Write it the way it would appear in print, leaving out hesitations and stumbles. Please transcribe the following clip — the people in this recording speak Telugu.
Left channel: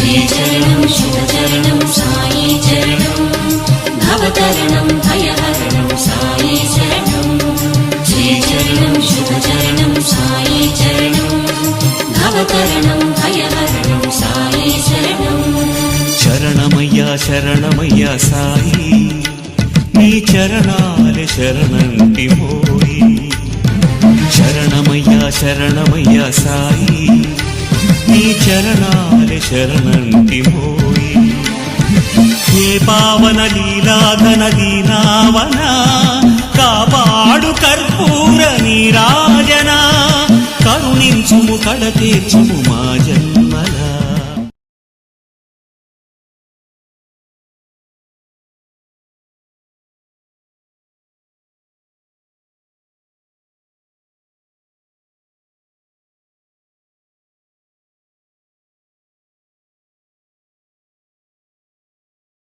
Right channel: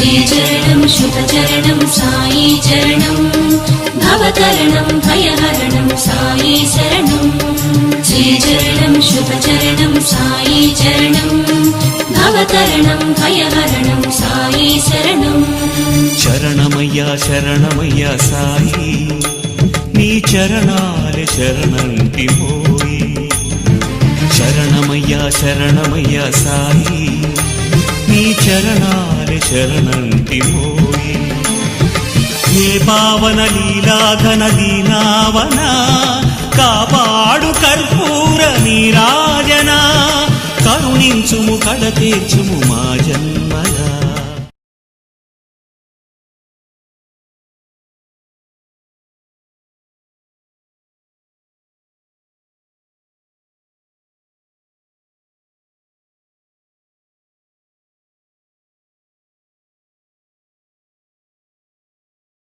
శ్రీచరణం శుభచరణం సాయి చరణం భవతరణం భయహరణం సాయి శరణం శ్రీచరణం శుభచరణం సాయి చరణం భవతరణం భయహరణం సాయి శరణం శరణమయ్యా శరణమయ్యా సాయి నీ చరణాలే శరణంటి మోయి శరణమయ్యా శరణమయ్యా సాయి నీ చరణాలే శరణంటి మోయి హే పావన లీలాఘన దీనావన కాపాడు కర్పూర నీరాజన కరుణించుము కడ తీర్చుము మా జన్మలా